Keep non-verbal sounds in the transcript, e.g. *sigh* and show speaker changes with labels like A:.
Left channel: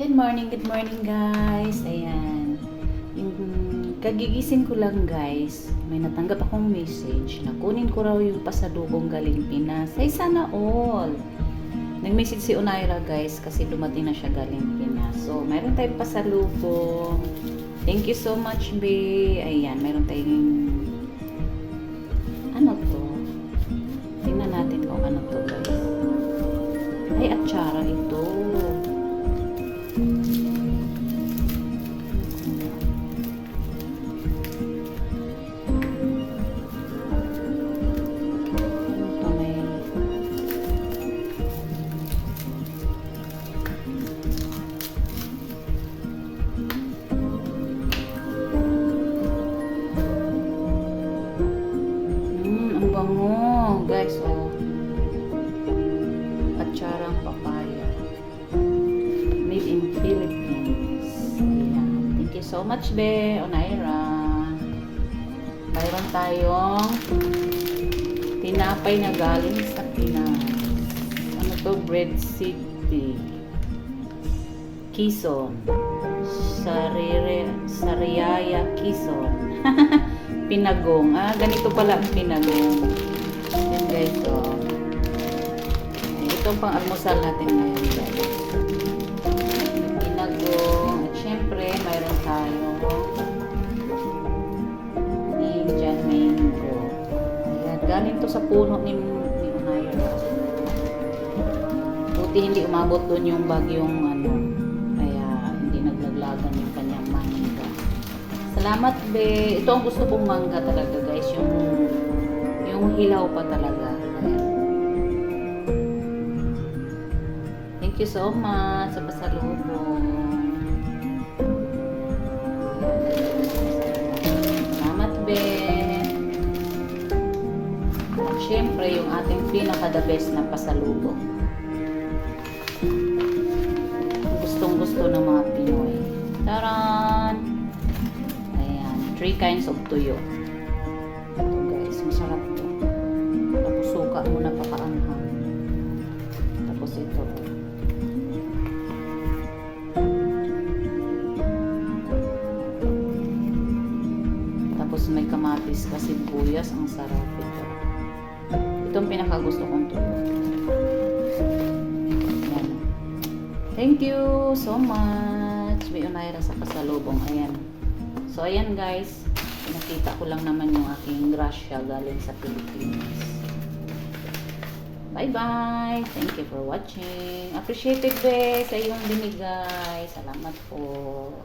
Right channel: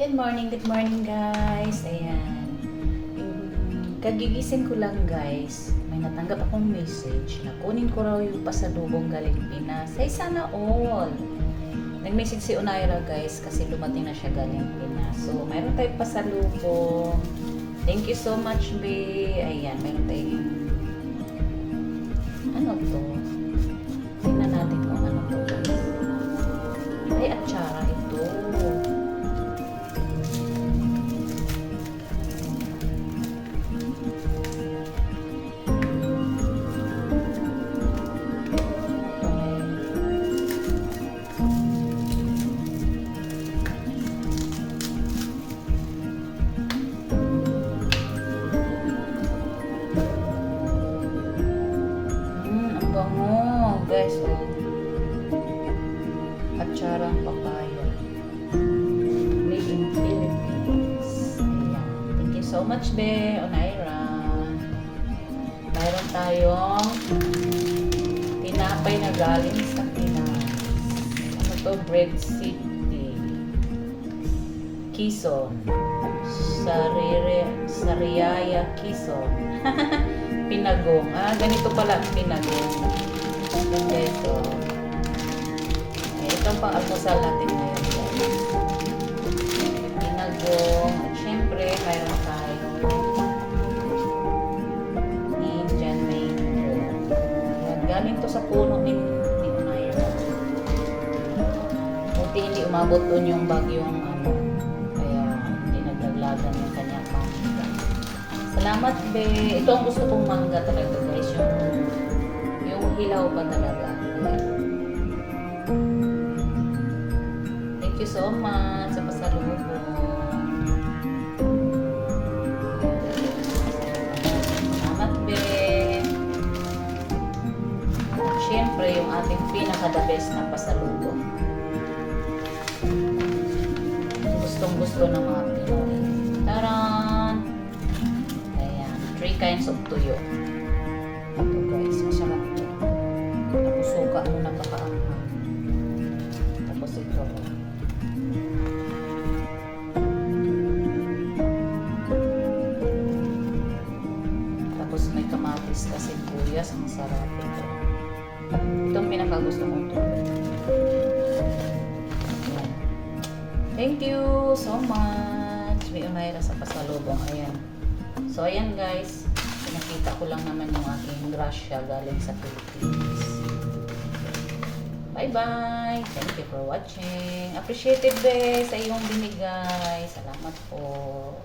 A: Good morning, good morning guys. Ayan. Yung kagigising ko lang guys, may natanggap akong message na kunin ko raw yung pasalubong galing Pinas. Ay sana all. Nag-message si Unaira guys kasi dumating na siya galing Pinas. So, meron tayong pasalubong. Thank you so much, be. Ayan, meron tayong ano to? Tingnan natin kung ano to guys. Ay, atsara. Ito so much, Be. Onaira. Mayroon tayong tinapay na galing sa Pinas. Ano to? Bread City. Quezon. Sarire, Sariaya, Quezon. *laughs* pinagong. Ah, ganito pala pinagong. Yung guys. Eh, Itong pang almusal natin ngayon, guys. Galing to sa puno ni, ni Onaira. Buti hindi umabot doon yung bagyong ano. Kaya hindi naglaglagan yung kanyang mangga. Salamat, be. Ito ang gusto kong mangga talaga, guys. Yung, yung hilaw pa talaga. Thank you so much sa pasalubong. Salamat, be. Syempre, yung ating pinaka-the best na pasalubong. Gustong gusto ng mga Pinoy. Taran! Ayan, three kinds of tuyo. Ito guys, masarap to. Tapos suka mo na pakaanghang. Tapos ito. Tapos may kamatis kasi buyas. Ang sarap ito. Itong pinakagusto kong. Ayan. Thank you so much. May unayra sa pasalubong. Ayan. So, ayan guys. Pinakita ko lang naman yung aking grasya galing sa Philippines. Bye-bye. Thank you for watching. Appreciated be sa iyong binigay. Salamat po.